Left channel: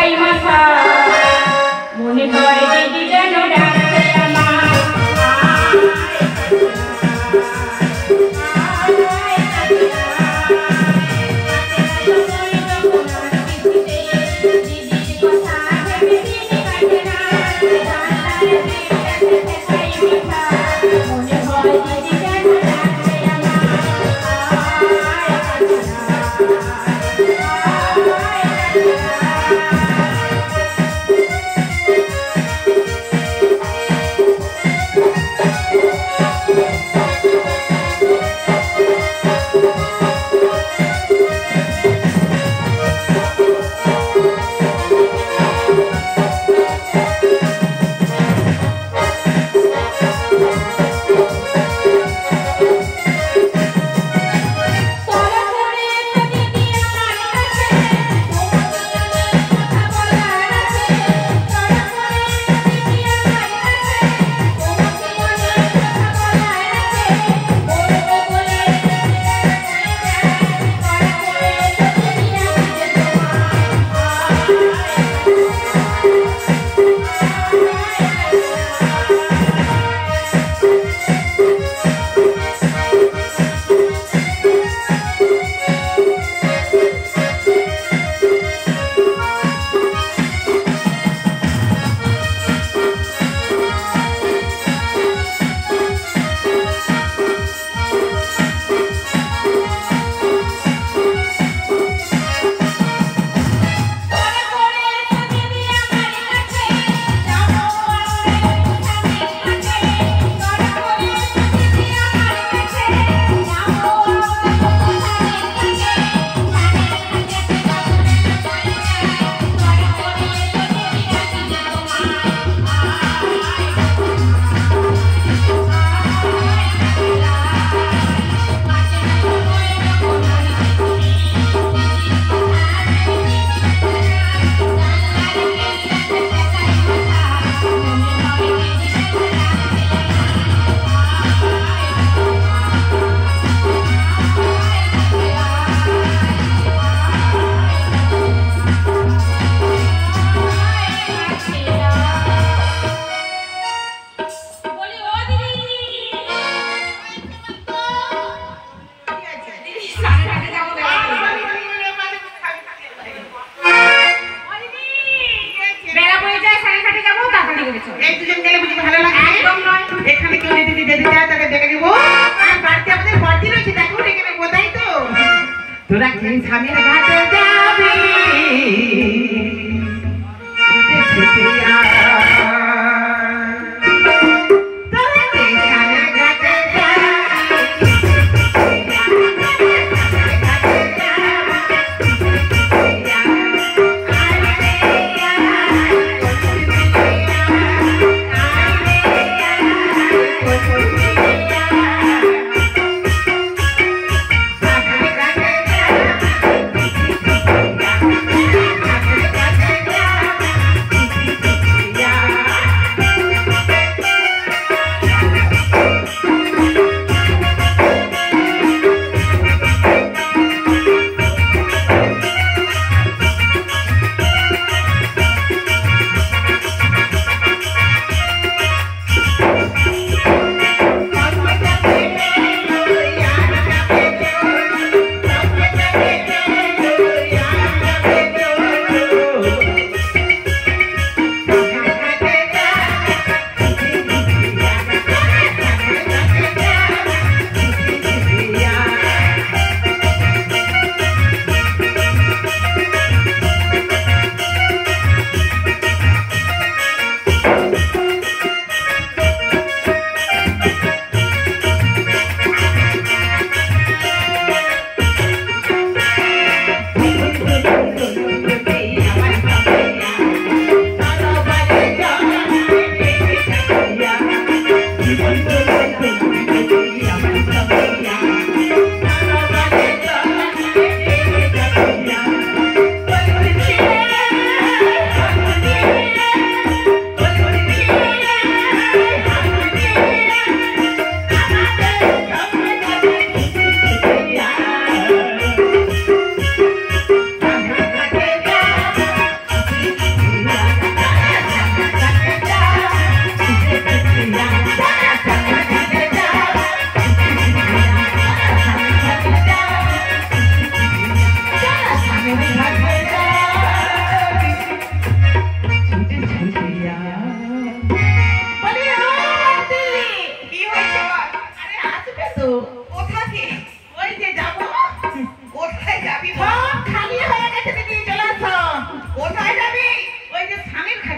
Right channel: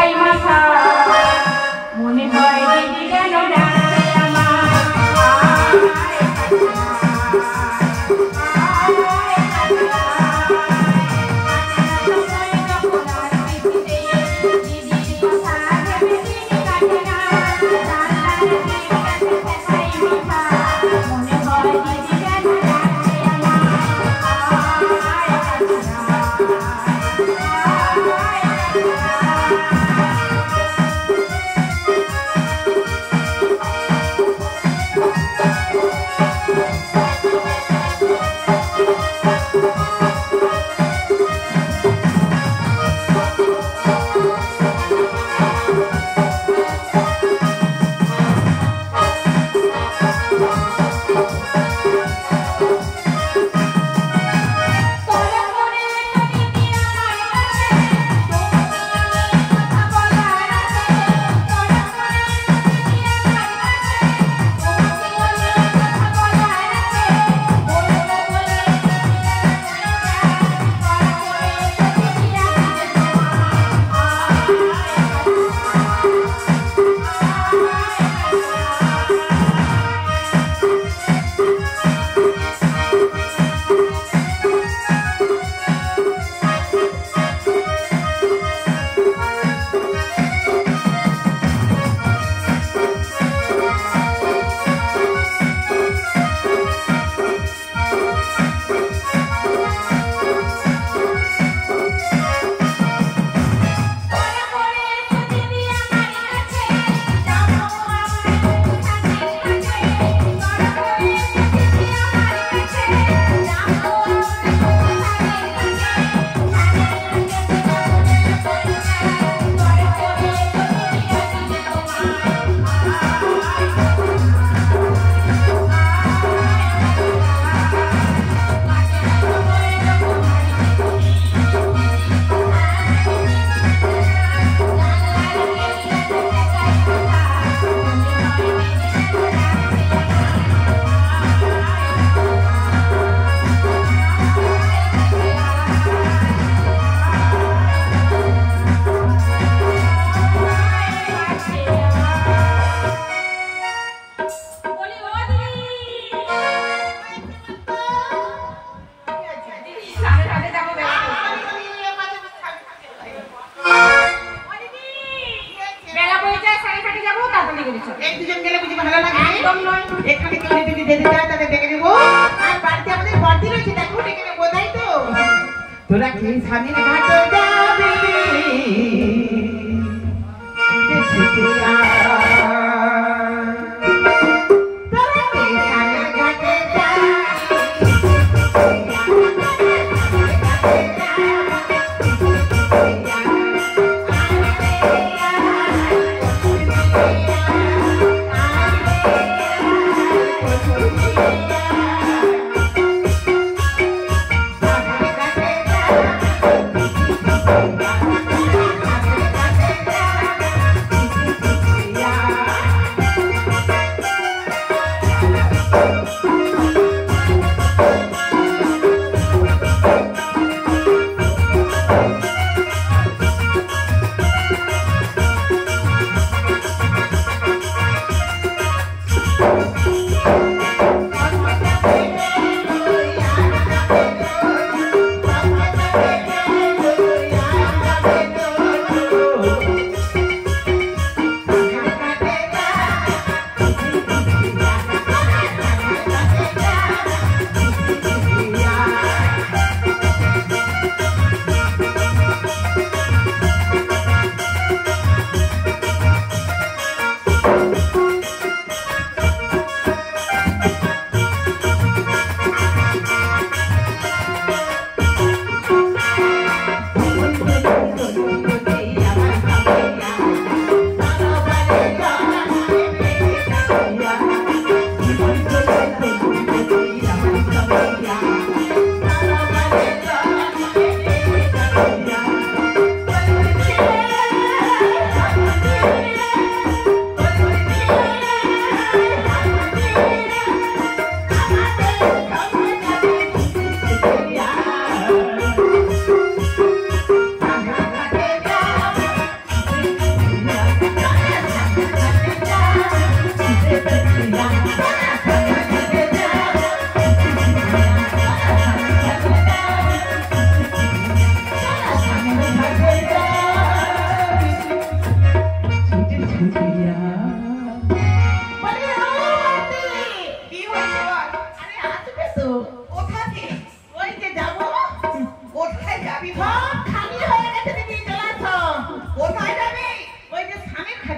ঠেকাই মাথা মনে হয় দিদি যেন ডাকছে আমার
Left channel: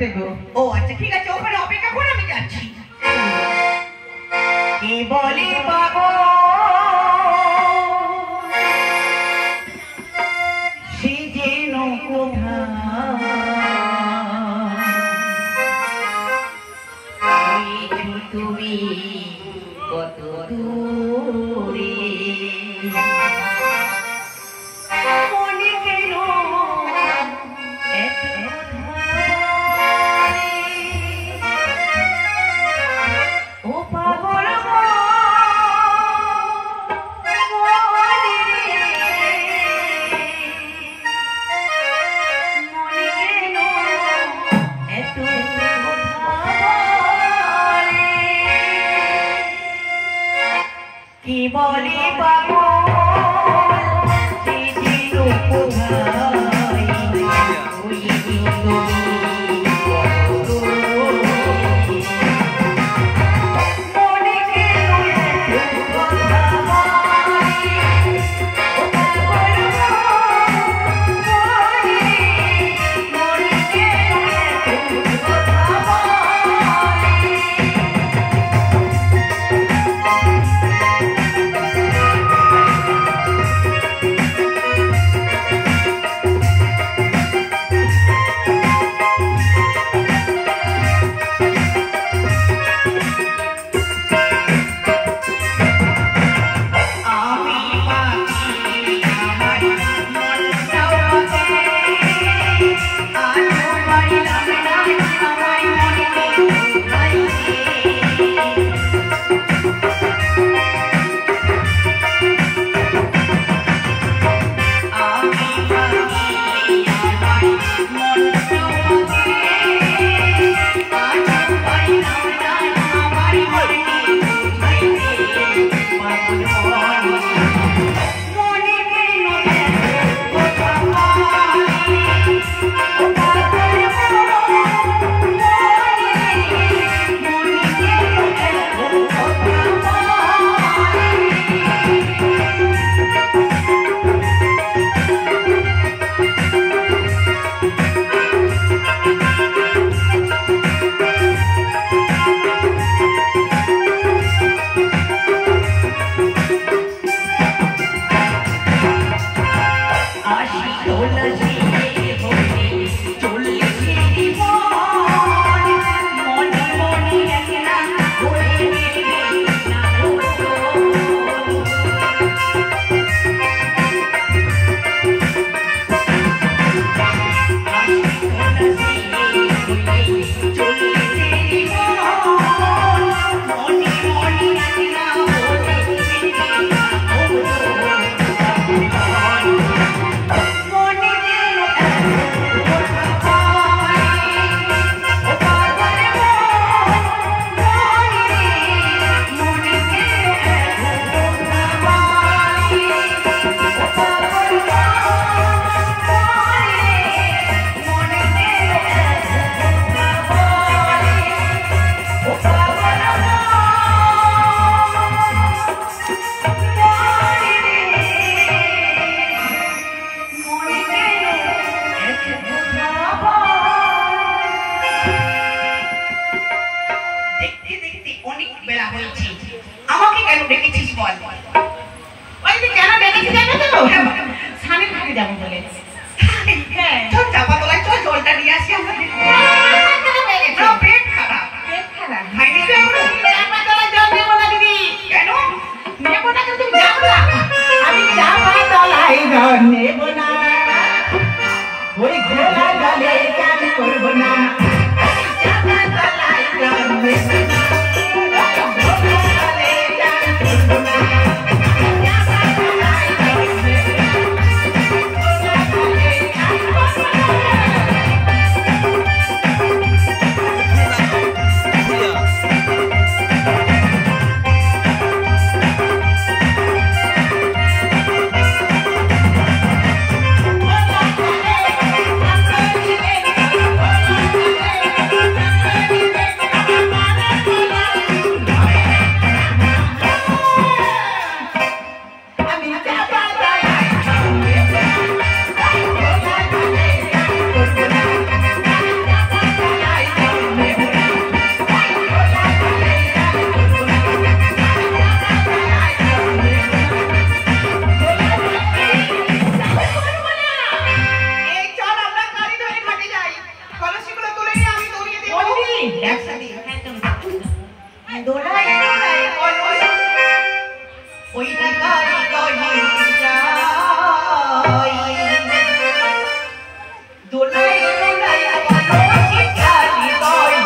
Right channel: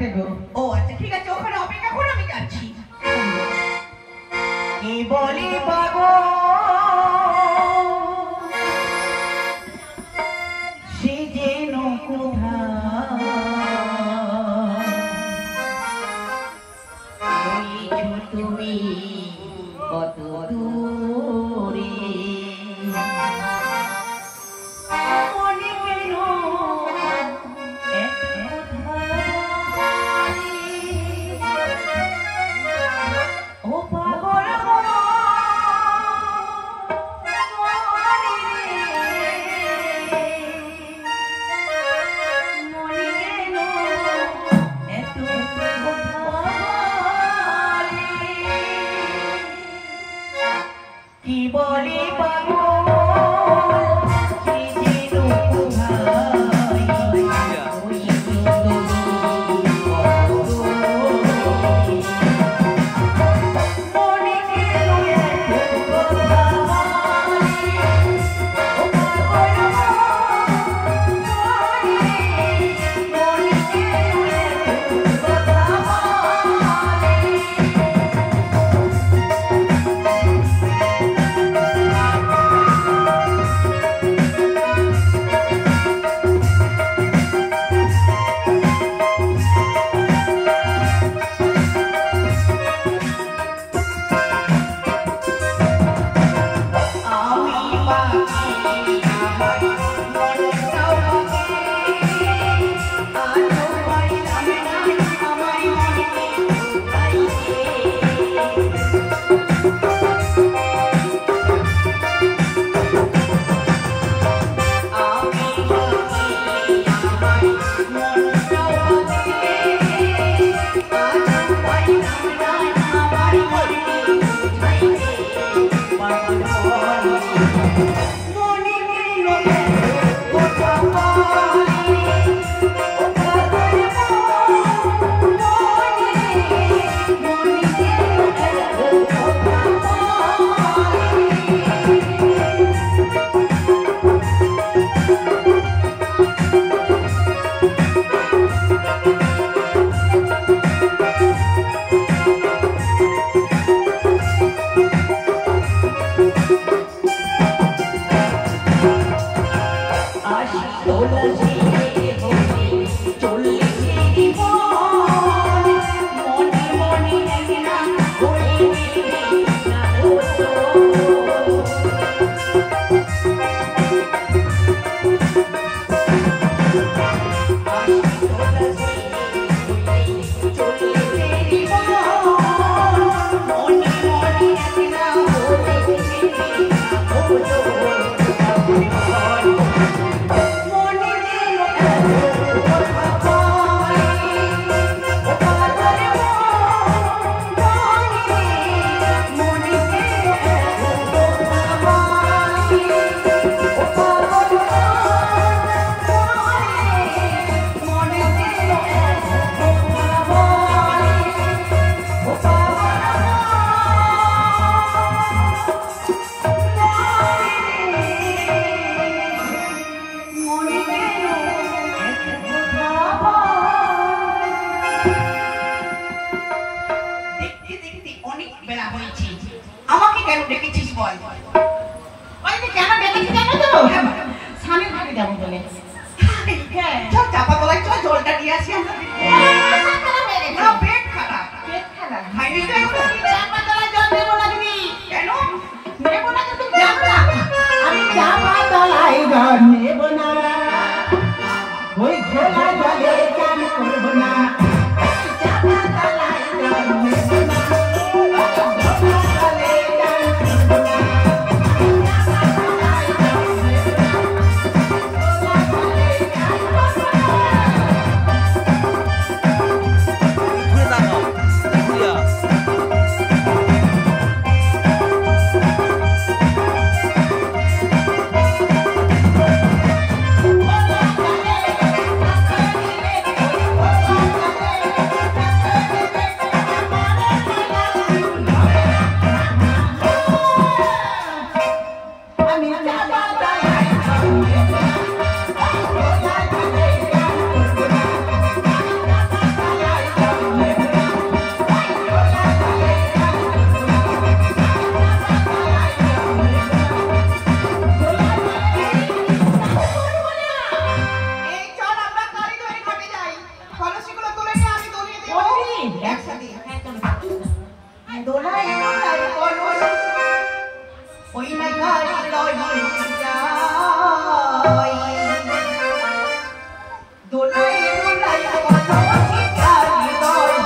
বাড়িতে গো। ও আচ্ছা ঠিক আছে, ওখানে অপেক্ষা করে আমি যাচ্ছি। কি বলি বাবা সে যেন কোথায় তুমি কত দূরে মনে কেন এত ধারে ও পাগল কি বলি বাবু একসাথে দোলাই দোলাই বলো ওই দেখা হৃদয় যায় দোলাই দোলাই বলো চিঠা হৃদয়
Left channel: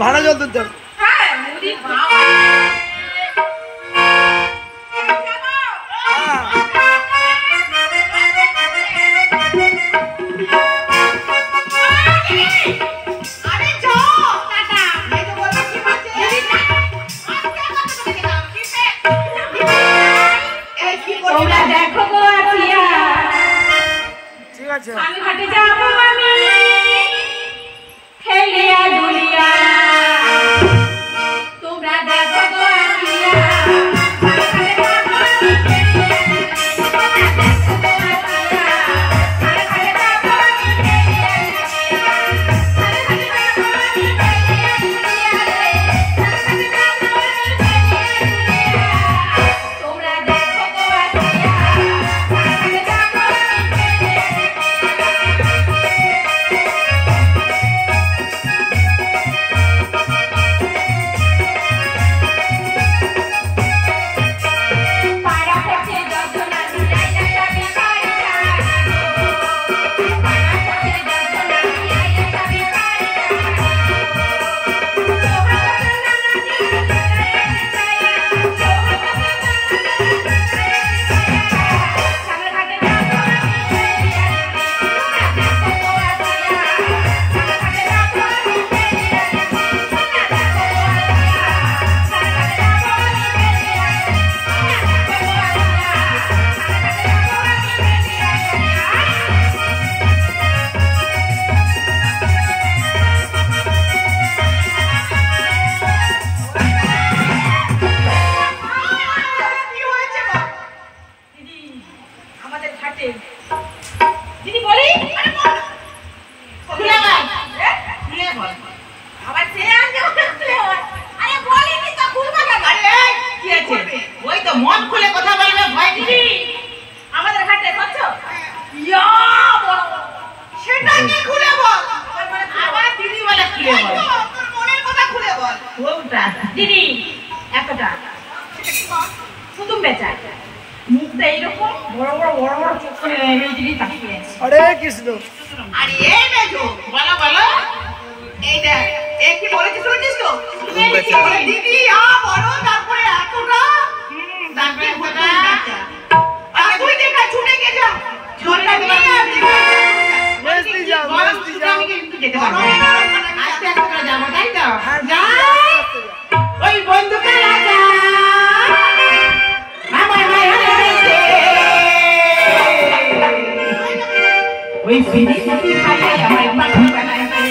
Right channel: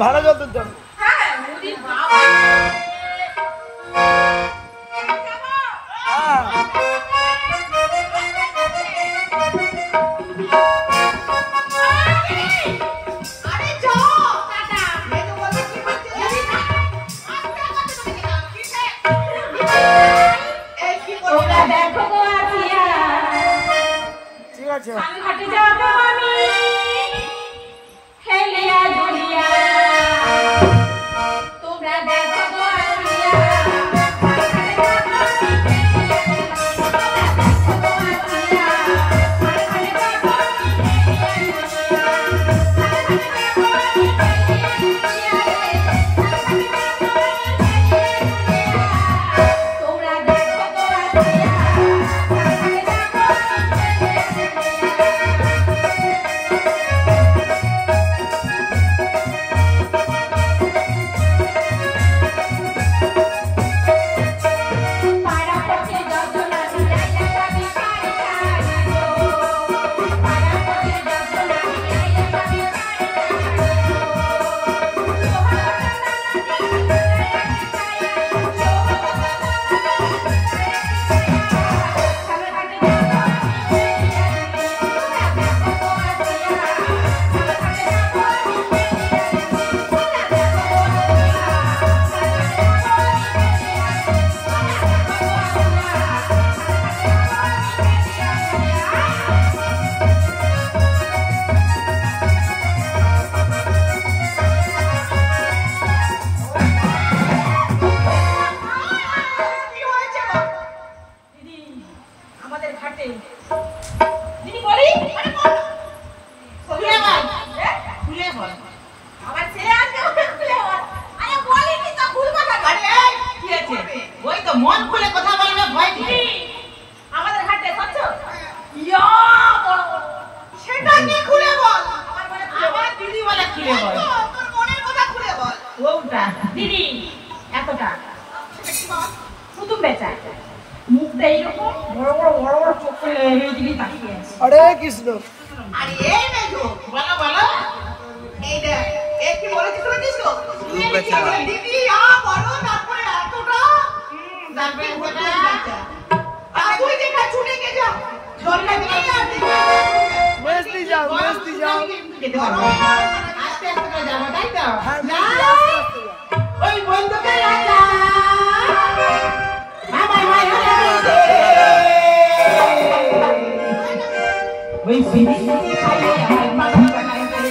ভাড়া জল তো আমি ঘাটে যাবো আমি হেলিয়া দুলিয়া তোমরা দেখো গো আসিয়া মন খুলে কথা বলবে ভয় দিবে আমাদের ঘাটে বুঝছো ইয়া বড় এতটা পুতুম বেচা মুখটা এইরকম বড় বড় বড় বড় চোখ করে এই দিকে তাকিয়ে হরে কৃষ্ণ। আরে এই মেজো বলো বলো এই দেখ এ কি বলেছিস শুনেছিস তো দিদি বড় তারপরে এতটা তারপরে এতটা আরে তুই দেখা ছুটে গে যা ঝড়টা দিয়ে আমি কিন্তু যেতে পারবো আস্তে আস্তে করে যাবো তাই তো যাই ওই বন্ধু করে যা ওই ফিরি খাইয়ে আমার বাবা বানাইছে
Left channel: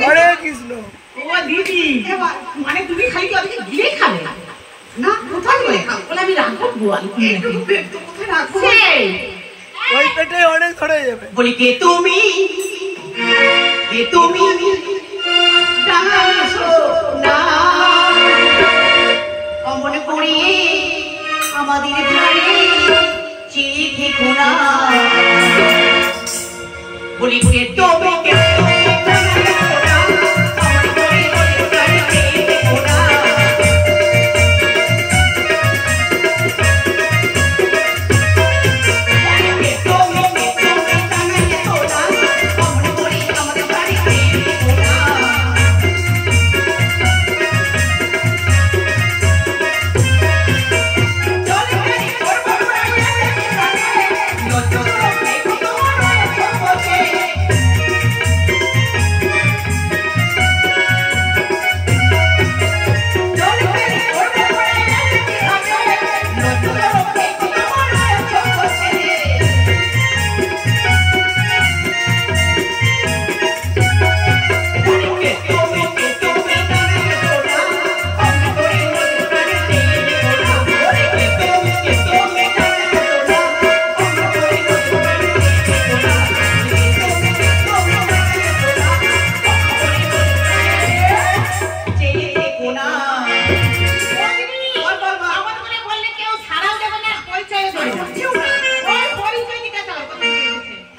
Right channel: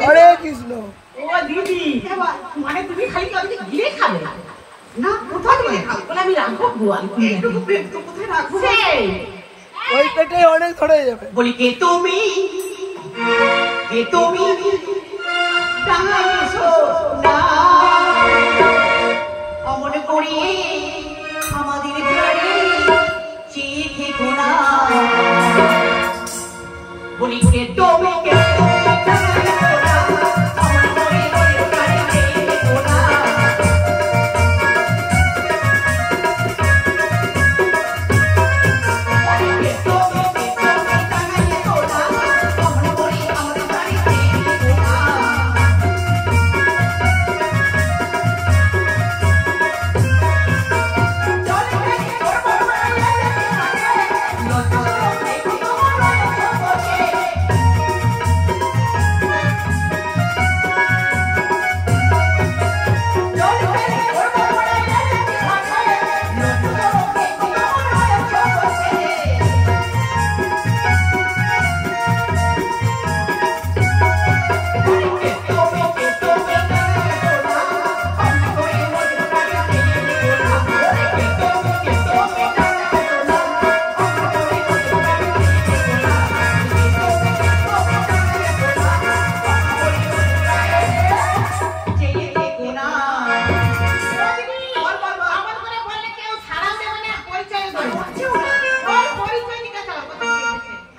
হরে কৃষ্ণ। ও দিদি মানে তুমি খালি কি ওদিকে গিয়ে খাবে না কোথায় গিয়ে খাবো বলে আমি রাখবো গোয়াল একটু কোথায় রাখবো সেই ওই পেটে অনেক ধরে যাবে। বলি কে তুমি টাঙাইছো না অমন করি আমাদের বাড়ি চেয়ে থেকো না বলি কে তুমি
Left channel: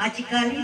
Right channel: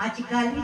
আজকালি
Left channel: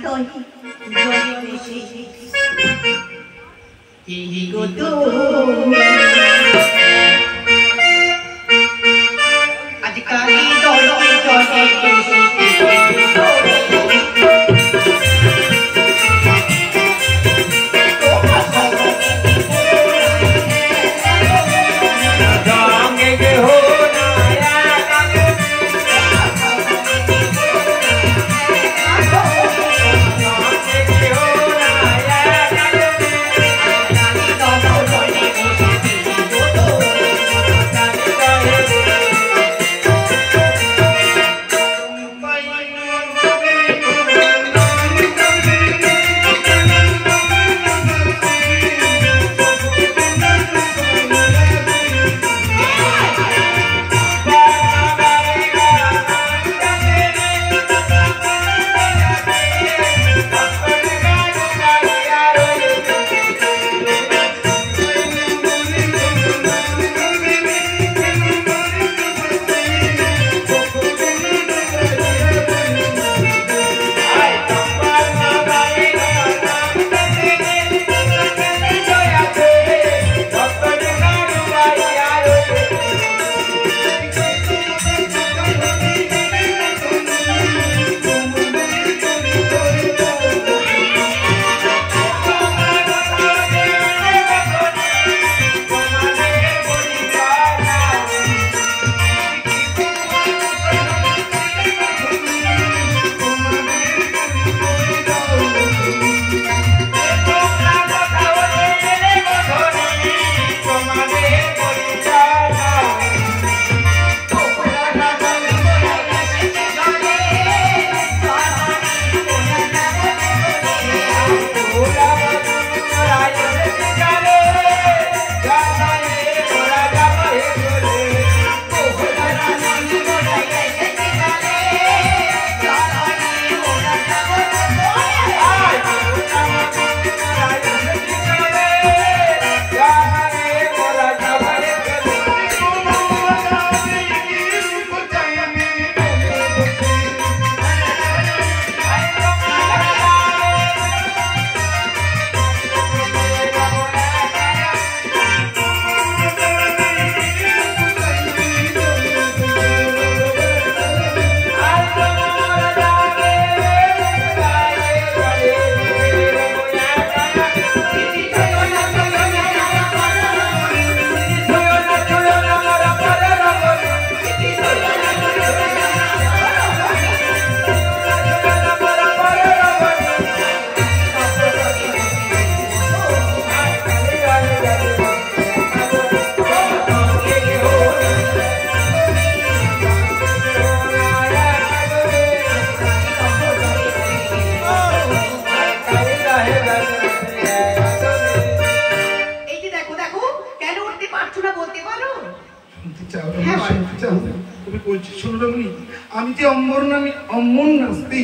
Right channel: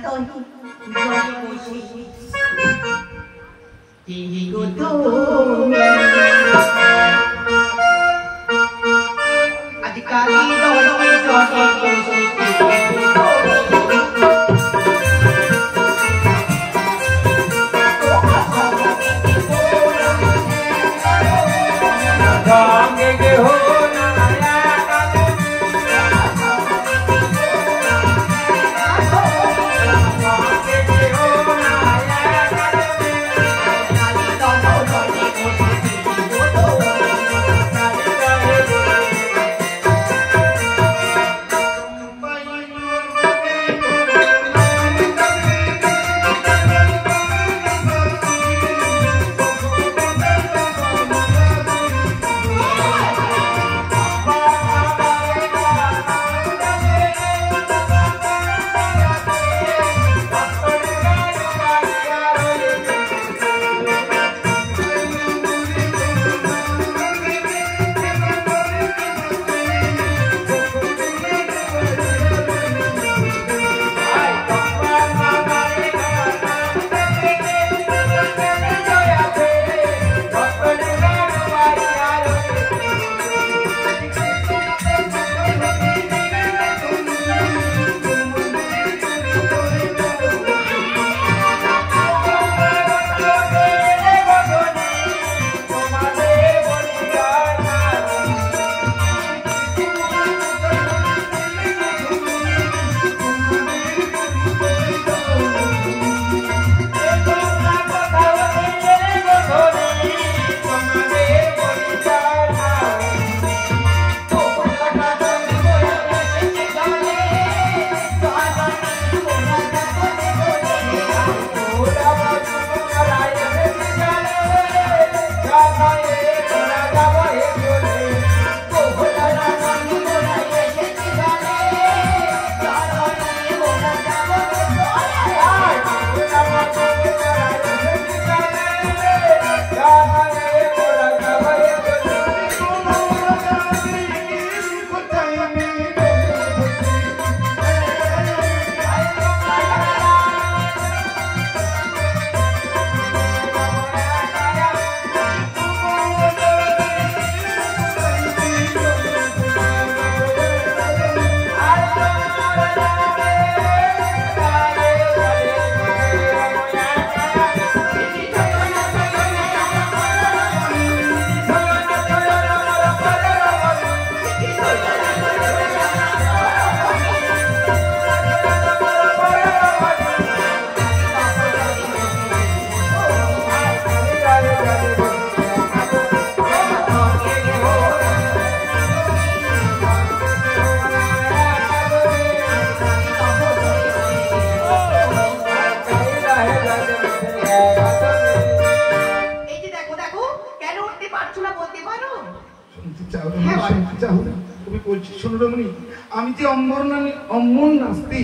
অম্বর নামে অম্বর নাস্তি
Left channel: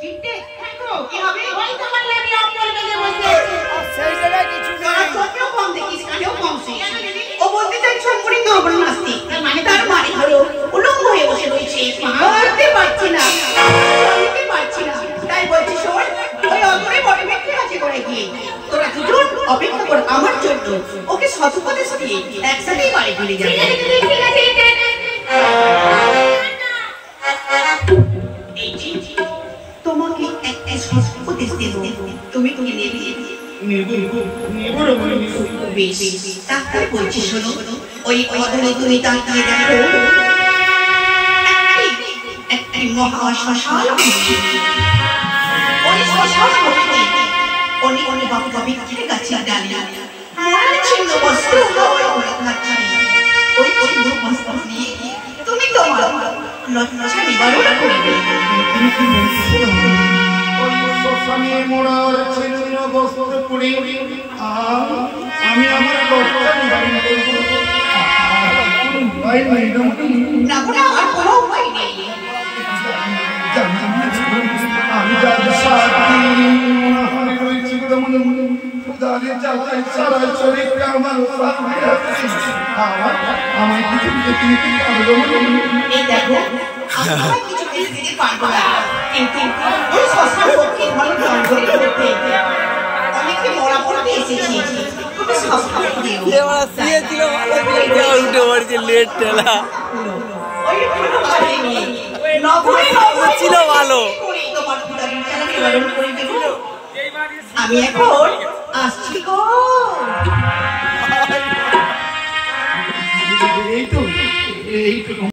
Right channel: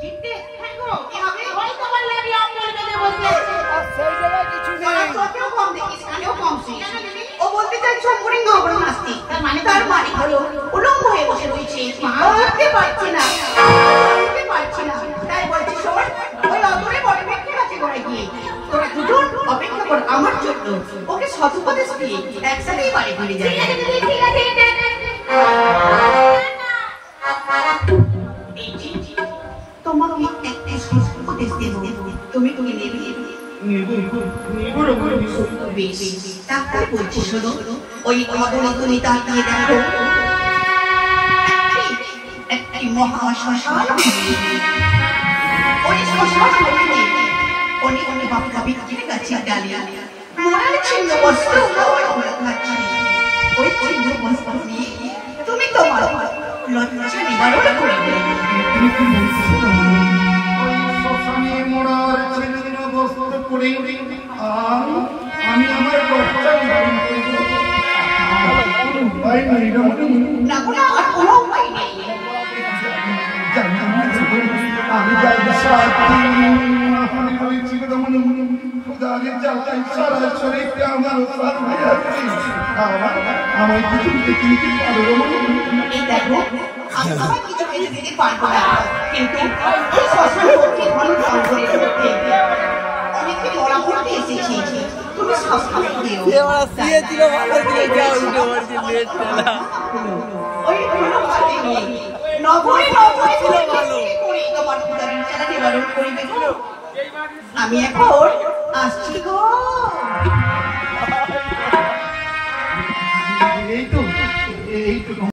চিনতে কি হবে ওই তোমার লাগি অম্বল বেঁধে বসে সেই জায়গায় কিছু নেই চোখেও কম দেখিস কানেও কম শুনিস ও বলতে চাইছে অম্বরিং অম্বর নাস্তি তার মানে হলো উলঙ্গ হয়ে বসে রয়েছে মারতে পারছি না চলতে পারছি না তাই বলছি শোন ওই অদূরে বড় ব্যক্তি আছে করে গিয়ে তোরা দুজন অপেক্ষা কর আমার জন্য ওকে সৎপদেশ দিয়ে একসাথেই বাড়ি ফিরে যাবে ঠিক আছে এই জি তোমাকে একটা সৎপদেশ দেব তুমি কি নেবে বেশ তাহলে বলছি শোনো ওই অদূরে তুমি তাকিয়ে দেখো একটি মহাশ্মশান ওই শ্মশান মধ্যে অনেক অনেক বাপকা বিক্রি গাছে দাঁড়িয়ে মরার চিহ্ন বস্ত্র থাকছে ওই চিহ্ন বস্ত্র দিয়ে তুমি তোমার লজ্জা নিবারণ করবে ওই শ্মশানে মরার চিহ্ন বস্ত্র পরে আমি আমার লজ্জা নিবারণ করবো উপায় নেই না কোনো আর কোনো উপায় নেই আমি যাদের সাথে রয়েছি খুদারে জ্বালায় সারা শরীরকে আমার সাথে আছে আমায় কিছু দিতে পারবো এই দেখো কিছু দিতে পারবো না কিন্তু ওই শ্মশান পক্ষে ধন সংগ্রহ করতে অনেকে মরা করতে এসেছি তুমি শ্মশান দিও এবারে সিয়ে ছিল ভালো ছিল যা উল্টে পড়ছে লেট টেলা ওই কোনো কাজে নেই নভয় ছিল ভালো তোমার খুদার জ্বালা নিবারণ করে দেব আমি এখন আসছি গো এই তো